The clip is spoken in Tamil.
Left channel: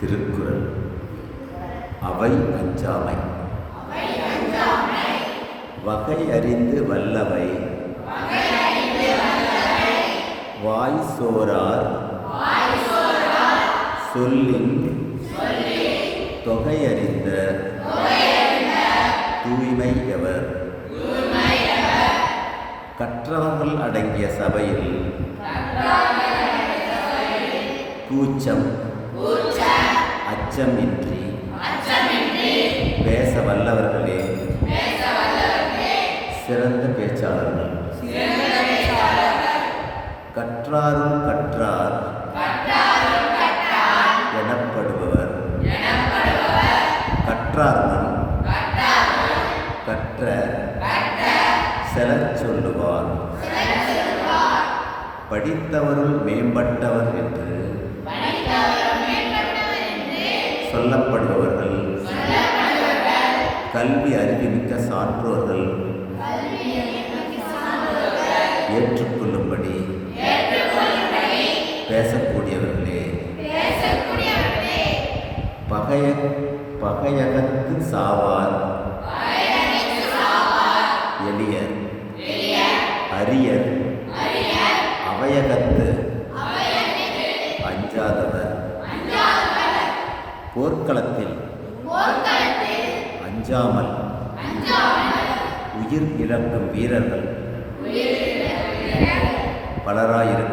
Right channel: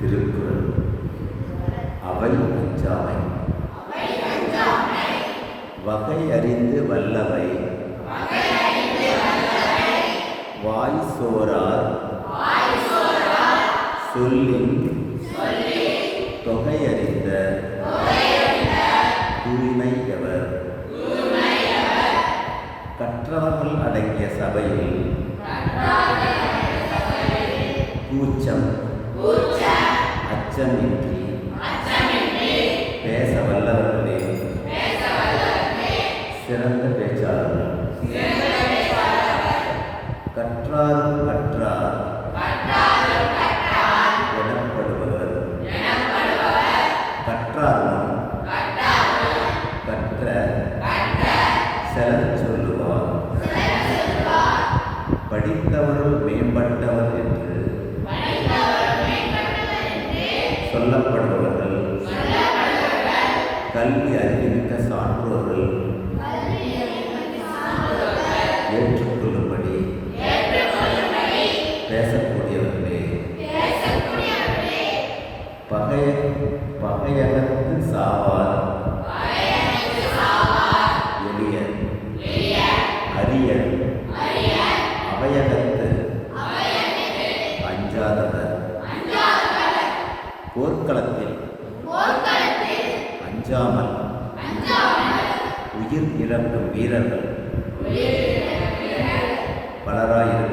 திருக்குறள். அவை அஞ்சாமை. வகை அறிந்து வல்லவை வாய் சோரார் சொல்லின் தொகையறிந்த தூய்மை எவர். கற்றவர்கள் அடங்கிய சபையில் கூச்சம் அச்சமின்றி பேச வல்லவர்களே சிறந்த பேச்சாளர்கள். கற்றாரும் கற்றார் எனப்படுபவர். கற்றாரும் கற்ற செலச் சொல்லுவார். படித்தவர்கள் மேம்பட்டவர் என்று சொல்லப்படுபவர்கள் கல்வி அறிவிமிக்க சான்றோர்கள் ஏற்றுக்கொள்ளும்படி பேசக்கூடியவர்களே. பகையகத்து சாவார் எளியர் அரியர் அவையகத்து அஞ்சாதவர். போர்க்களத்தில் அஞ்சாமல் உயிர் இழக்கும் வீரர்கள் பலராயிருக்கிறார்கள்.